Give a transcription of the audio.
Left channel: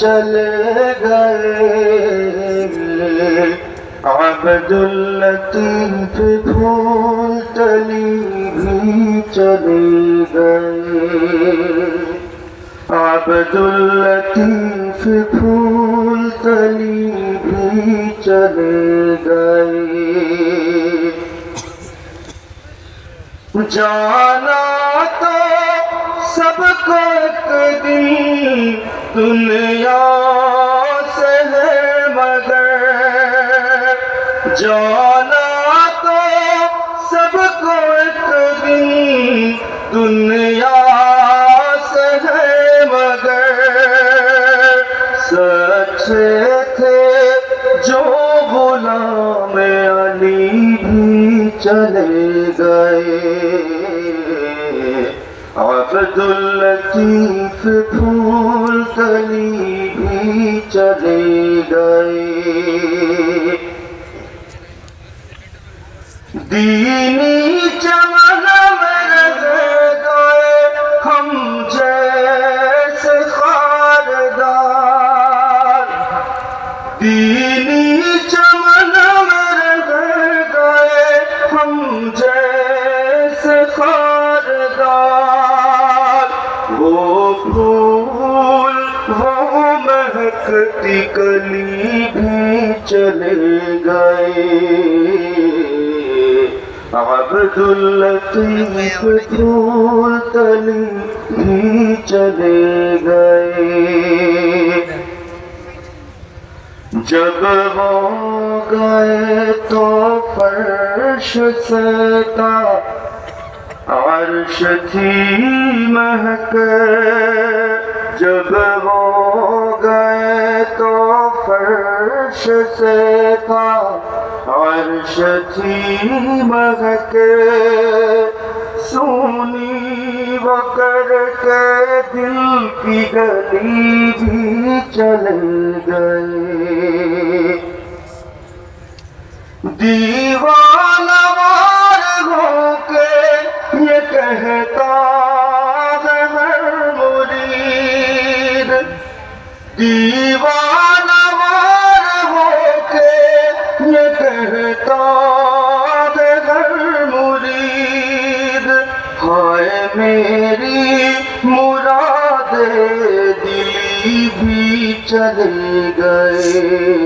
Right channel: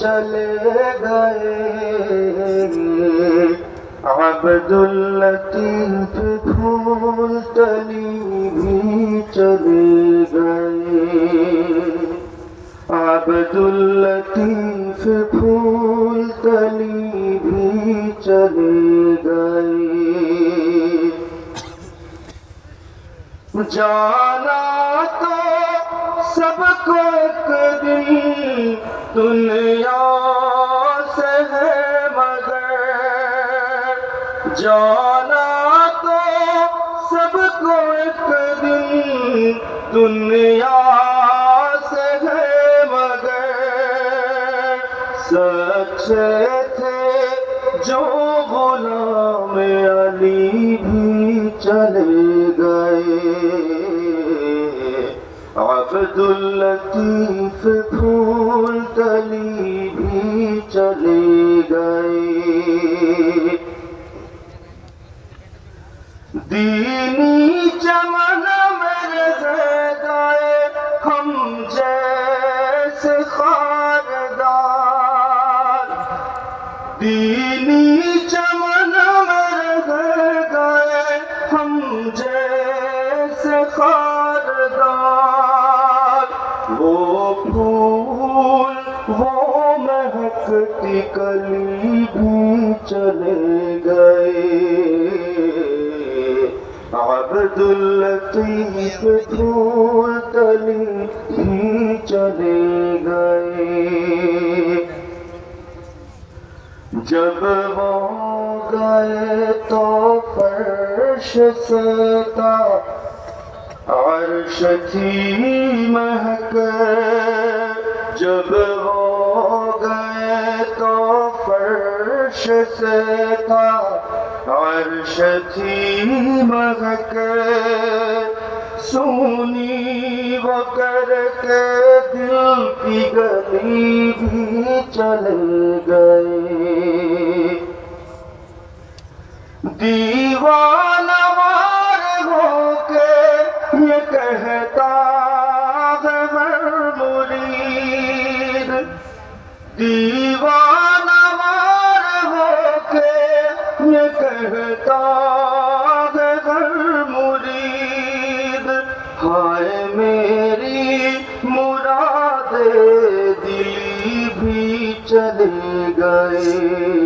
चले गए अब्दुल्लतीफ फूल तली चले गए अब्दुल्लतीफ फूल तली भी चले गए जाना तो सबको दिन तुम्हें सभु दुनिया सच थे जो भोले अली बि चले गे अफ़दुकीफ़ भूल कली बि चले گئے दीनी चवन گئے ہم ख़ारदा خاردار وہ پھول وہ होम کلی بھی चले گئے अब्दुल चले गए जब वो गए तो फर्श सता अर्श थी महक जब वो गए तो फर्श सता عرش تھی مہک سونی بکر کے دل کی گلی بھی چل گئے دیوان مارگوں کے یہ کہتا ہے ہر مرید घर मुरीद ہائے میری مراد दिली بھی چلے گئے